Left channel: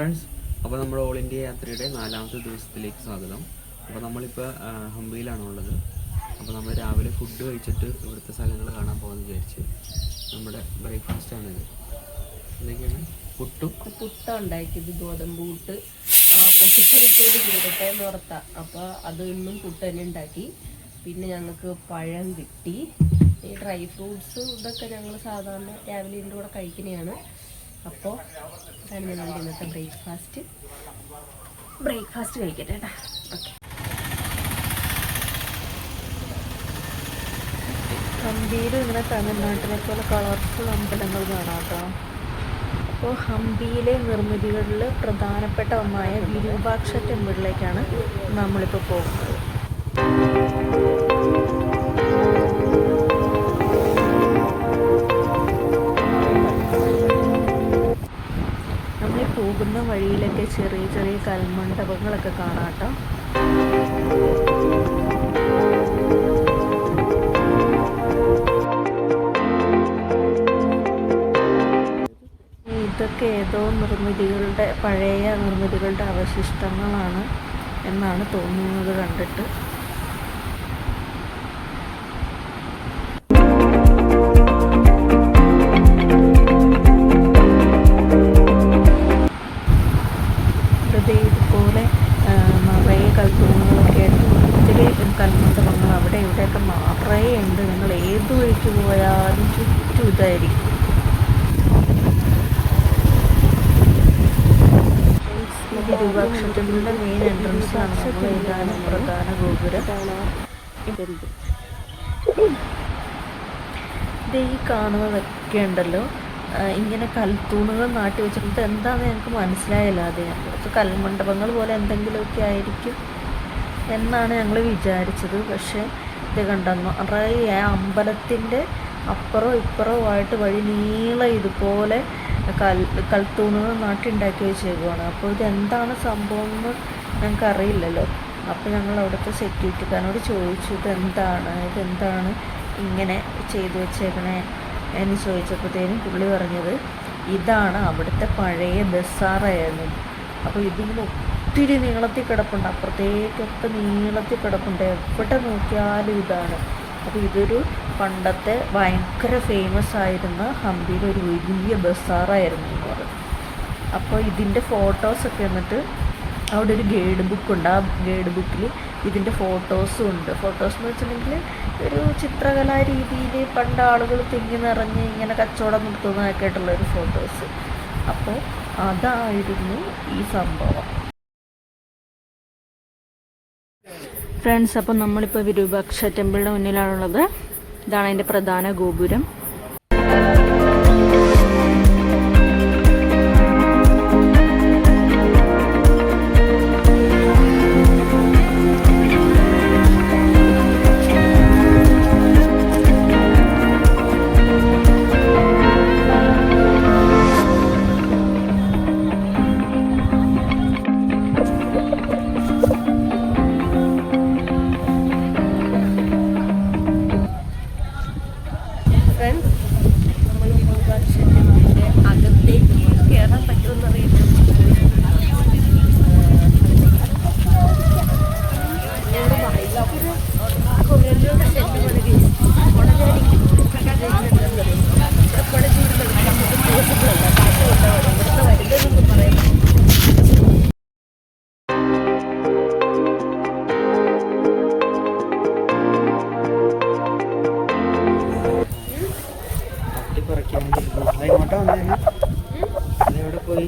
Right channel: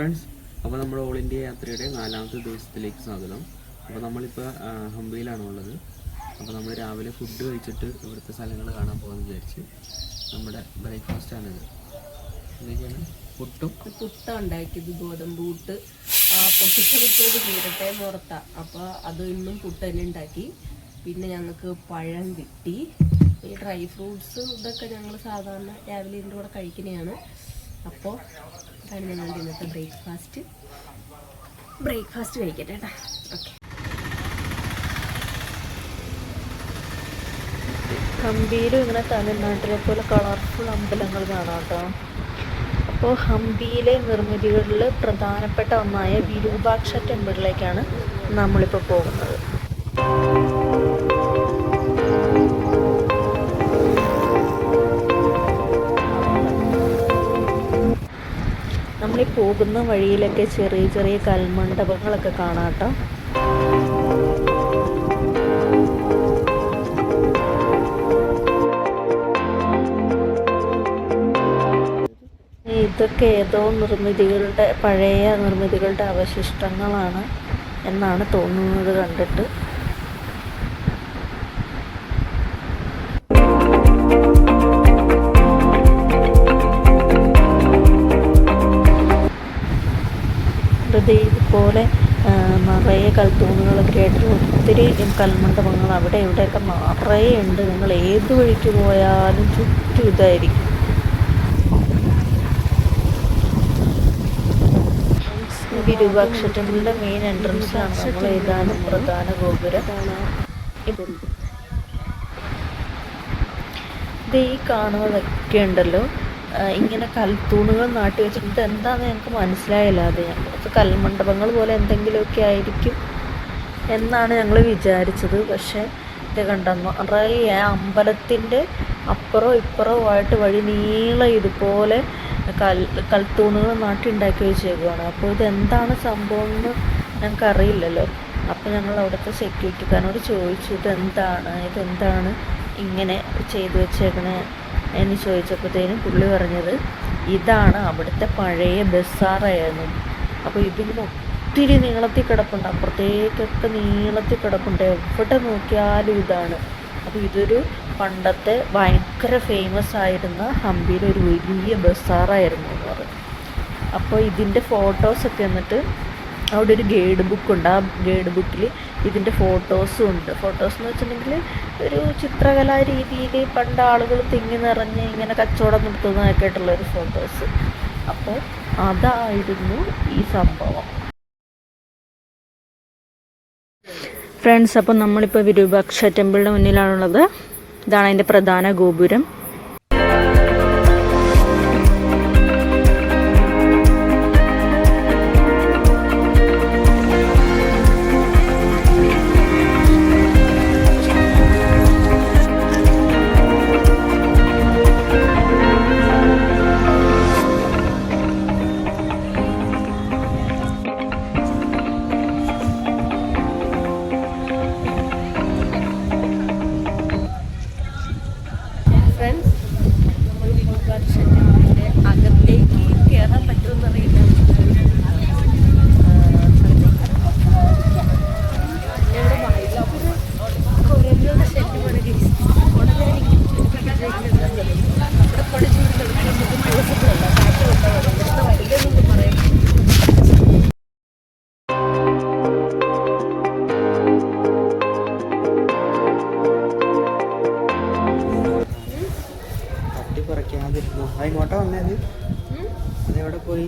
Friends, അപ്പോൾ നമ്മുടെ all India യാത്രയുടെ 4ാമത്തെ ദിവസത്തിലേക്ക് സ്വാഗതം. അപ്പോൾ നമ്മളിപ്പോൾ ഹംപിയിലാണ് ഉള്ളത്. അപ്പോൾ നമ്മൾ രാവിലെ ഫുഡ് കഴിച്ചിട്ട് ഇവിടുത്തെ സ്ഥലങ്ങൾ കാണാൻ പോകാമെന്ന് വിചാരിച്ച് നമ്മുടെ ബ്രേക്ക്ഫാസ്റ്റാണിത്. എന്തൊക്കെയാണ്? പുട്ട ഉണ്ടാക്കിയത്, ഗോതമ്പ് പുട്ട് പൊട്ടിച്ചെടുത്തത് ചെയ്തിട്ടേ നിർത്താം. അപ്പോൾ അത് ഇന്നും പുട്ട് തന്നെ ഉണ്ടാക്കി. പിന്നെ ഞങ്ങൾക്ക് പഴം കിട്ടി. ഈ ഡ്രൈ ഫ്രൂട്ട്സ് ഇതൊക്കെ ഞങ്ങൾ സാധാരണ രാവിലെ ഇതിൻ്റെ കൂടെ കഴിക്കുന്നതാണ്. അപ്പോൾ അതാണ് ഞങ്ങളുടെ ഇന്നത്തെ ബ്രേക്ക്ഫാസ്റ്റ് കഴിക്കട്ടെ കേട്ടോ. ഓക്കെ. ഹംപിയിൽ ഇങ്ങനെ തമിഴ്നാട്ടിലെ പോലെ കളർഫുൾ അമ്പലങ്ങൾ കാണാം കേട്ടോ. അപ്പോൾ ഹംപിയിലെ നിർമ്മിതികളിൽ പ്രധാനപ്പെട്ട ഒന്നായ വിരൂപാക്ഷ ടെമ്പിളിലേക്കാണ് നമ്മളിപ്പോൾ പോകുന്നത്. നമ്മളീ പോകുന്ന വഴിയിലൊക്കെ ചെറിയ ചെറിയ കൽമണ്ഡപങ്ങളൊക്കെ കാണാം കേട്ടോ. ഇതൊക്കെ ഏതോ പഴയ നിർമ്മിതികളുടെ അവശിഷ്ടങ്ങളാണ് എന്നാണ് തോന്നുന്നത് കണ്ടിട്ട്. ഇതുപോലെ നിറയെ കൽത്തൂണുകളൊക്കെ ആയിട്ട് ഒത്തിരി കൽമണ്ഡപങ്ങൾ അവിടെ ഇവിടെയൊക്കെ നിറയെ ഉണ്ട്. നിങ്ങൾ ഏത് വഴിക്ക് പോയാലും ചുറ്റും ഇതായിരിക്കും. വിരൂപാക്ഷ ടെമ്പിളിൻ്റെ മെയിൻ എൻട്രൻസ് ആണ്. നമ്മൾ ഇതാണ് പ്രധാന ഗോപുരം. ഇത് ഈ കാണുന്നതൊക്കെ ഉണ്ടല്ലോ, ഇങ്ങനെ കൽത്തൂണുകൾ നാട്ടി വെച്ചിട്ട് എന്താണെന്ന് ഞങ്ങൾക്ക് മനസ്സിലായില്ല. അത് കുറച്ച് കൽമണ്ഡപങ്ങൾ പോലെ എന്തെങ്കിലുമൊക്കെ ആയിരിക്കും എന്നാണ് ഞങ്ങൾ വിചാരിച്ചത്. പക്ഷേ ഇത് കണ്ടെന്നു നിറയെ അമ്പലത്തിൻ്റെ അപ്പുറവും ഇപ്പുറവുമായിട്ട് വഴി നീളം ഇതുപോലെ കൽത്തൂണുകൾ നാട്ടിണ്ടാക്കി വെച്ചേക്കുവാണ്. അപ്പോൾ ഇതെന്താണ് സംഭവം എന്ന് ഞങ്ങൾക്കറിയില്ലല്ലോ. അപ്പോൾ ഞങ്ങൾ അവിടുത്തെ സെക്യൂരിറ്റിക്കാരനോട് ചോദിച്ചു, ഇതെന്താണ് ഇങ്ങനെ ചെയ്തു വെച്ചേക്കണേ എന്ന് ചോദിച്ചപ്പോഴത്തേനും പുള്ളി പറഞ്ഞത് ഇതാണ് അവിടുത്തെ പഴയ ബസാറായിരുന്നു. അപ്പോൾ ഇതിങ്ങനെ ഒത്തിരി നീളത്തിൽ കിടപ്പുണ്ട്, അപ്പുറത്തേക്കൊക്കെ നീളത്തിൽ കിടപ്പുണ്ട്, എവിടെ നോക്കിയാലും ഇതാണ്. അപ്പോൾ ഇതൊരു പണ്ടത്തെ ഭയങ്കര ഫേമസ് ആയിരുന്ന ഹംപിയിലെ ഒരു വലിയ ബസാറായിരുന്നു എന്ന് പറഞ്ഞു. അപ്പോൾ ഇതിൻ്റെ ഫോട്ടോസൊക്കെ എന്നിട്ട് അവിടെ ഒരു ഗൈഡ് ബുക്കുണ്ട്. ആ ഗൈഡ് ബുക്കിൽ ഇതിൻ്റെ ഫോട്ടോസും ഉണ്ട്. ഫോട്ടോസ് എന്ന് വെച്ചിട്ടുണ്ടെങ്കിൽ ഒരു ചിത്രകലാ രീതിയിൽ പണ്ട് ആളുകൾ തിങ്ങി നിറഞ്ഞ് ഇങ്ങനെ കച്ചവടം നടത്തുന്നതൊക്കെ ആയിട്ടുള്ളൊരു ഫോട്ടോസ്. അപ്പോൾ അതായിരുന്നു ഈ സംഭവം. ഫ്രണ്ട്സ്, അപ്പോൾ നമ്മളിപ്പോൾ വിരൂപാക്ഷ ടെമ്പിളിൻ്റെ മുന്നിലാണുള്ളത്. ഇതാണ് അതിൻ്റെ പ്രധാന ഗോപുരം. ഫ്രണ്ട്സ്, നമ്മൾ വിരൂപാക്ഷ ടെമ്പിളിൻ്റെ അകത്തേക്ക് കയറാൻ പറ്റുമെന്ന് അറിയില്ല. കുരങ്ങളുടെ ശല്യമാണ് ഇവിടെ പടച്ചൂട് കളിക്കുന്നത് പോസിബിളല്ല. കാറ്റ് കൊണ്ടാണ് ഇവിടുത്തെ വരുന്നതെന്ന് പറയാം. ഇങ്ങോട്ടാ വന്നേന്ന് അതെവിടെ പോയി?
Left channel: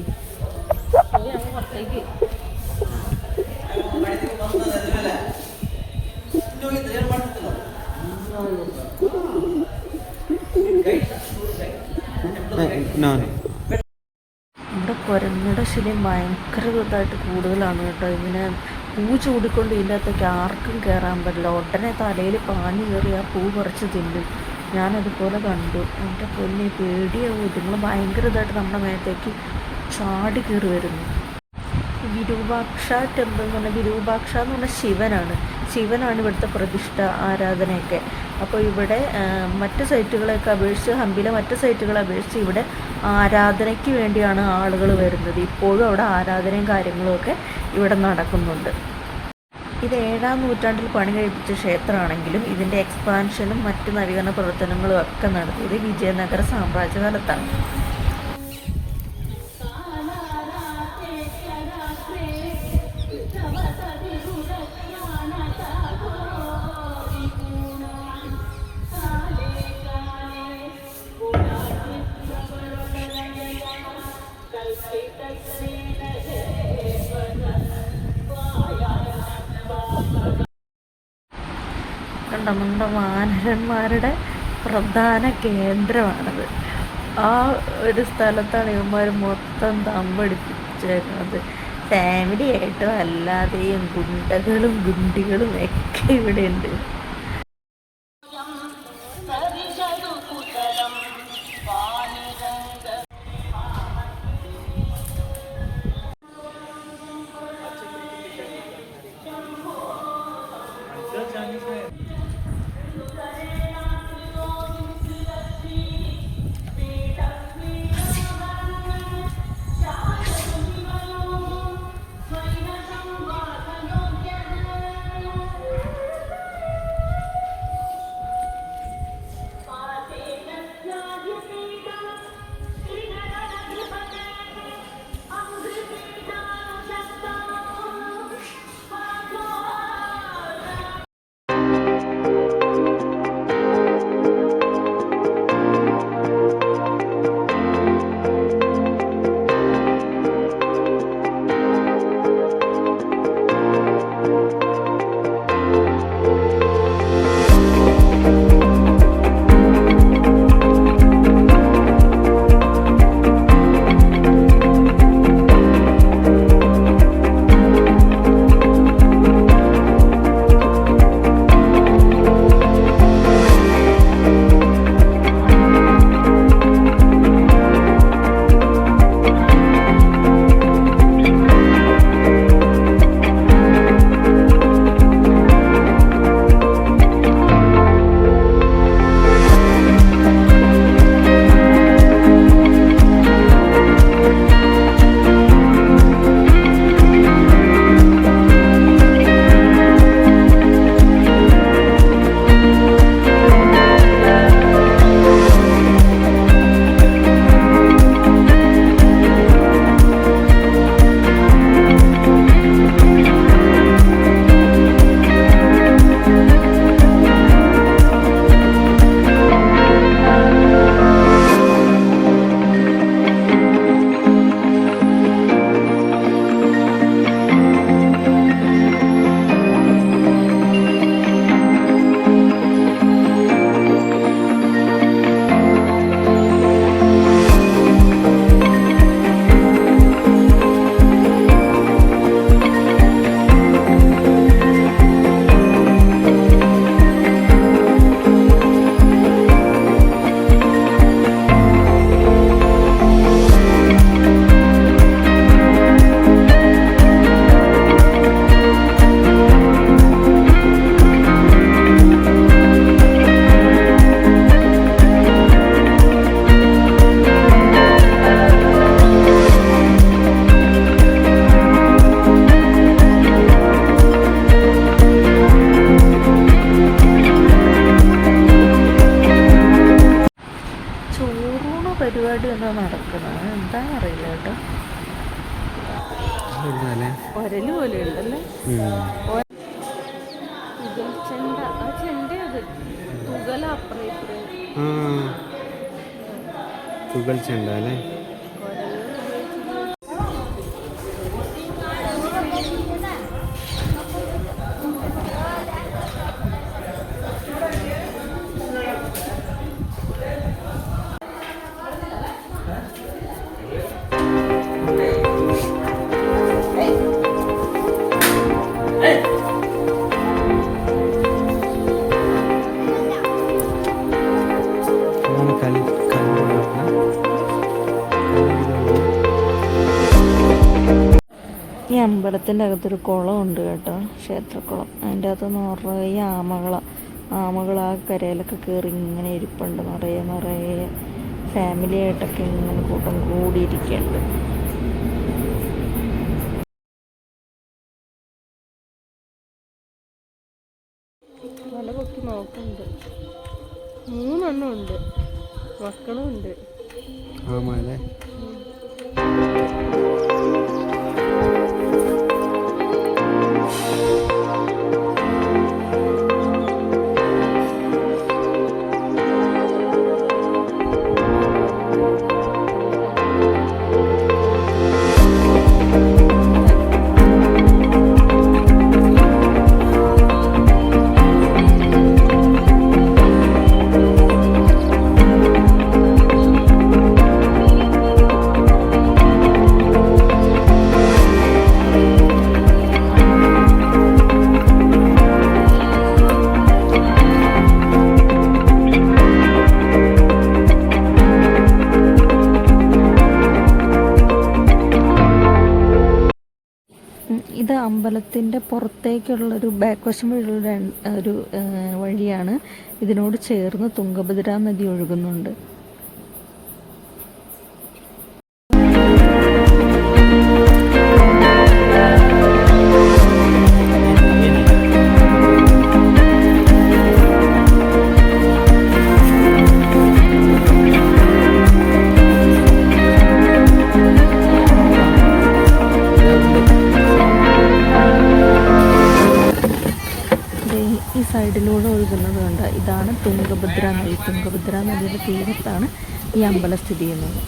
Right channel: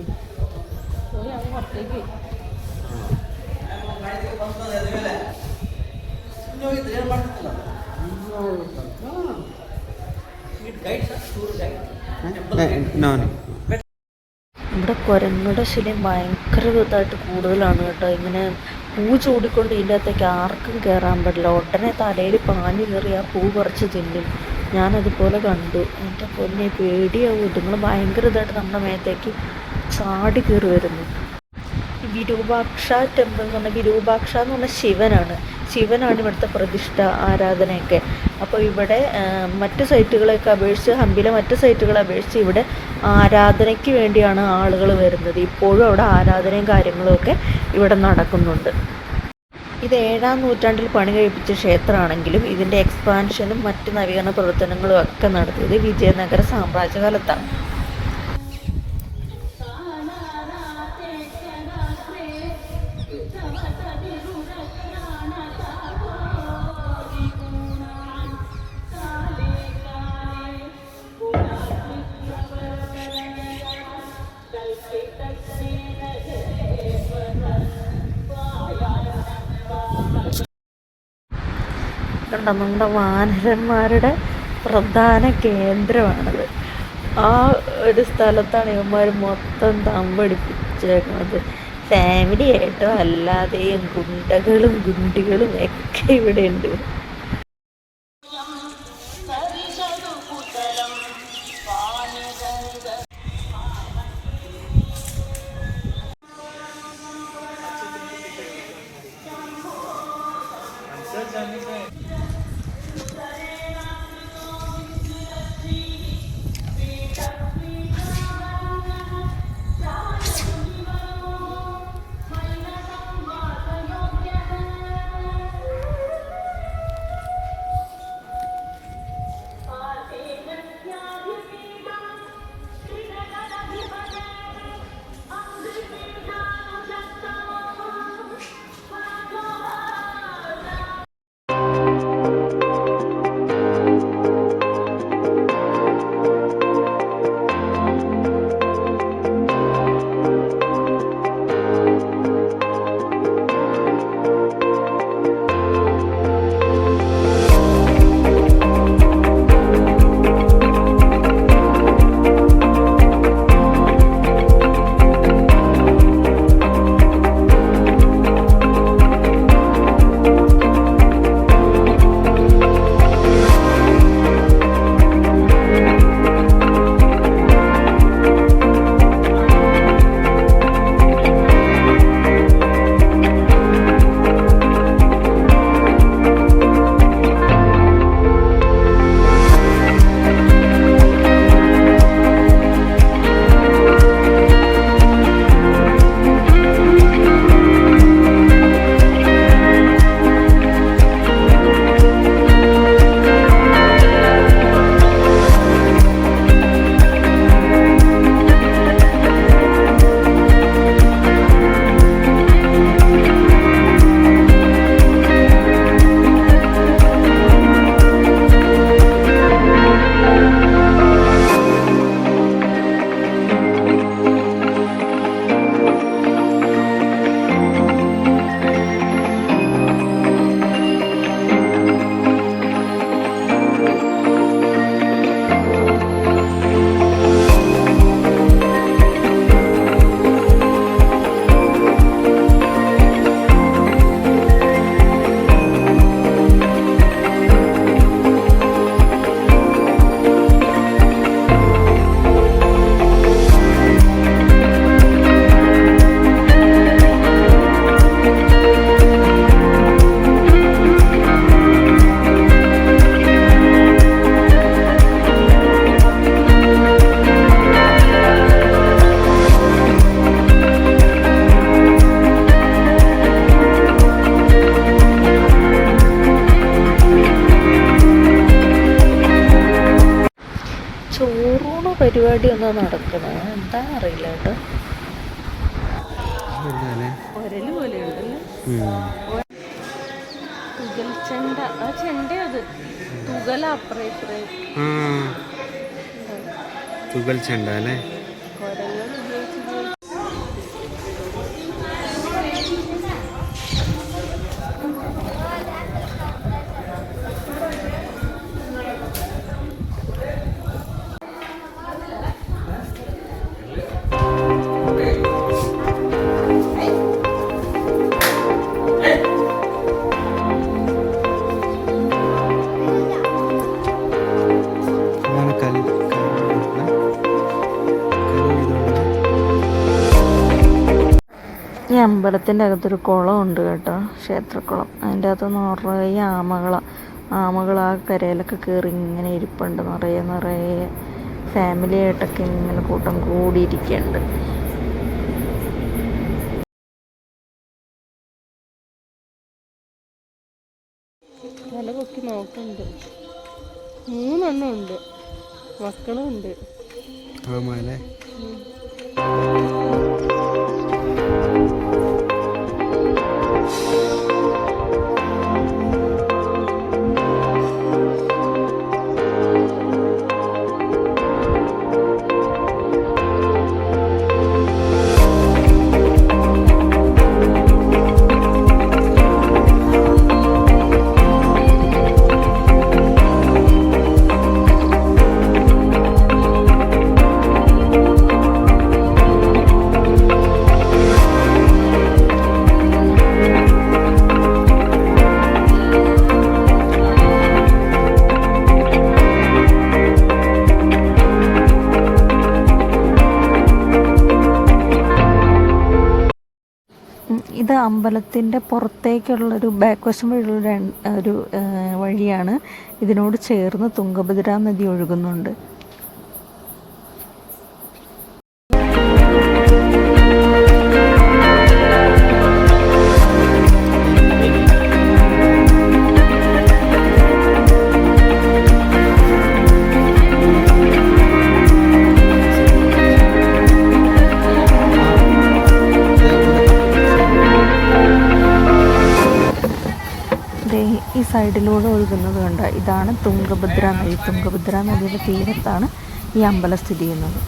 ഇവിടെ കുരങ്ങയുടെ ശല്യം ഭയങ്കര ഇതായിട്ട് കൂടുതലാണ് കേട്ടോ. ഇങ്ങനെ പൂ ചൂടിക്കൊണ്ട് ഇതിൻ്റെ അകത്തേക്ക് ആർക്കും കയറാൻ പറ്റില്ല. ഉടനെ തലയിൽ പാഞ്ഞു കയറി ആ പൂ പറിച്ച് തിന്നും. ഞാനതുപോലെ കണ്ടു. എൻ്റെ പൊന്നെ പേടിയാവും. ഇതുങ്ങൾ ഭയങ്കര ഇതായിട്ട് നമ്മുടെ മേത്തേക്ക് ചാടി കയറി വരുന്നു. വിരൂപാക്ഷ ടെമ്പിൾ എന്ന് പറഞ്ഞാൽ, വിരൂപാക്ഷ എന്ന് പറഞ്ഞാൽ ശിവനാണ്. ശിവനാണ് ഇവിടുത്തെ പ്രതിഷ്ഠ, ആരാധനയൊക്കെ. അപ്പോൾ ഇവിടെ മറ്റു സൈറ്റുകളെയൊക്കെ അപേക്ഷിച്ച്, ഹംപിയിലെ മറ്റു സൈറ്റുകളെ അപേക്ഷിച്ച് ഇവിടെ ആരാധനയ്ക്ക് വേണ്ടിയാണ് ആളുകൾ വരുന്നത്. ഇപ്പോഴും അവിടെ ആരാധനയും കാര്യങ്ങളുമൊക്കെ ഇവിടെ നടക്കുന്നുണ്ട്. ഇത് 7-ാം നൂറ്റാണ്ടിൽ പണി കഴിപ്പിച്ച ക്ഷേത്രമാണെങ്കിലും ഇതിൻ്റെ എക്സ്പാൻഷനും മറ്റ് നവീകരണ പ്രവർത്തനങ്ങളും ഒക്കെ നടത്തിയത് വിജയനഗര സാമ്രാജ്യകാലത്താണ്. കണ്ടോ, നമ്മുടെ വാനരന്മാരുടെ പ്രധാന കേന്ദ്രമാണത്. ആ ഒരു സ്ഥലത്താണ് ഇവന്മാർ മൊത്തം തമ്പടിപ്പിച്ചേക്കുന്നത്. ഫാമിലി ആയിട്ടോ അല്ലാതെയും ഗുണ്ടകളും ഗുണ്ടികളും ഒക്കെ ഇവിടെ ഉണ്ട്. പരിപാടി ഒന്നും നടക്കുന്നത് എന്താണെന്നറിയില്ല കേട്ടോ. ഒരല് പോലെ ഉണ്ടല്ലേ തുകൽ ചെണ്ട. ആ ചെണ്ട അത് തുകല അപ്പുറേ തുകൽ ചെണ്ട അല്ലേ. അമ്പലത്തിൻ്റെ അകത്തൊരു കുളമുണ്ട് കേട്ടോ, ക്ഷേത്രക്കുളം. അതിൻ്റെ അകത്ത് നിറയെ ആമകൾ ആ കരയിലൊക്കെ കയറി ഇങ്ങനെ ഇരിപ്പുണ്ട്. നിറയെ ഫാമിലി ആയിട്ടൊക്കെ ഇങ്ങനെ കൂട്ടം കൂടിയിരിക്കുന്നുണ്ട്. തല പൊക്കി നോക്കുന്നുണ്ട്. 3 എണ്ണം ഉണ്ട്, മക്കളും ഉണ്ട്. ആമല്ലേ? ഇത് അമ്പലത്തിൻ്റെ പുറത്തേക്കുള്ളൊരു ബാക്ക് വശം വഴിയുള്ള ഒരു വഴിയാണ്. ഇതിനോട് ചേർന്ന് തുംഗഭദ്ര നദി ഒഴുകുന്നുണ്ട്. ഈ സൈഡിലൂടെ ഒഴുകുന്നത് കണ്ട, ഇതാണ് തുംഗഭദ്ര നദി. തുംഗഭദ്ര നദിയുടെ തീരത്താണ് ഈ അമ്പലം സ്ഥിതി ചെയ്യുന്നത്.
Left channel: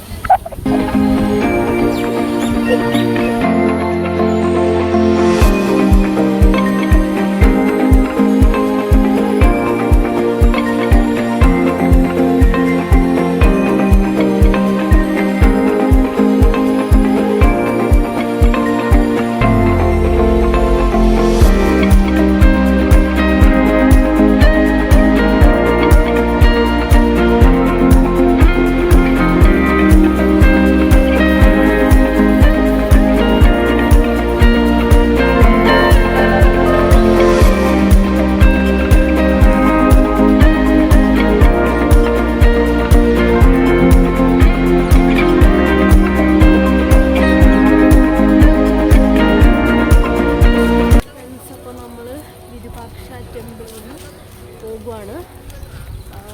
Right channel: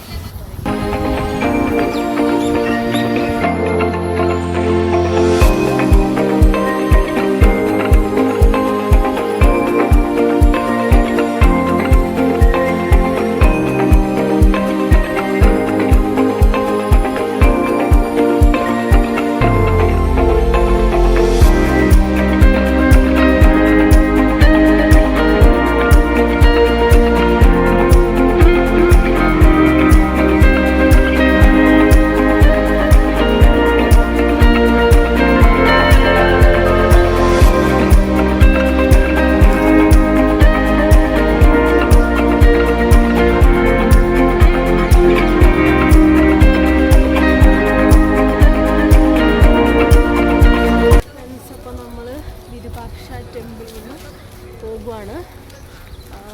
പോകുവാണ്.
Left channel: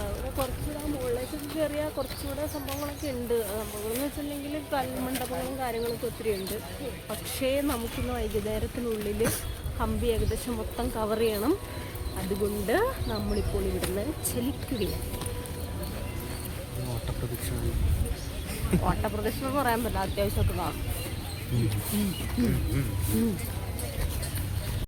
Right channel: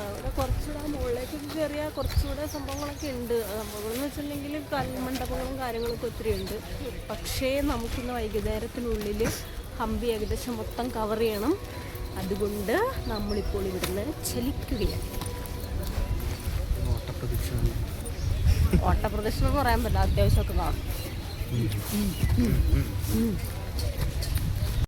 ഇവിടെ കുറച്ചുകൂടെ മുകളിലേക്ക് കയറിയാൽ കുറച്ചുകൂടെ സംഭവങ്ങളൊക്കെ ഉണ്ട്. സംഭവങ്ങളെന്ന് വെച്ചിട്ടുണ്ടെങ്കിൽ കൽമണ്ഡപങ്ങളും കാര്യങ്ങളൊക്കെ ഒത്തിരി ഉണ്ട്. പക്ഷേ നമുക്കിന്ന് വൈകുന്നേരത്തിനുള്ളിൽ ഹംപി ഏകദേശം മൊത്തം കവർ ചെയ്യണം. അതുകൊണ്ട് നമ്മളിപ്പോൾ ഇവിടുന്ന് ചലിക്കുകയാണ്. ഓട്ടപ്രദക്ഷിണം പറയാൻ പറ്റില്ല, അത്യാവശ്യമൊക്കെ കാണും.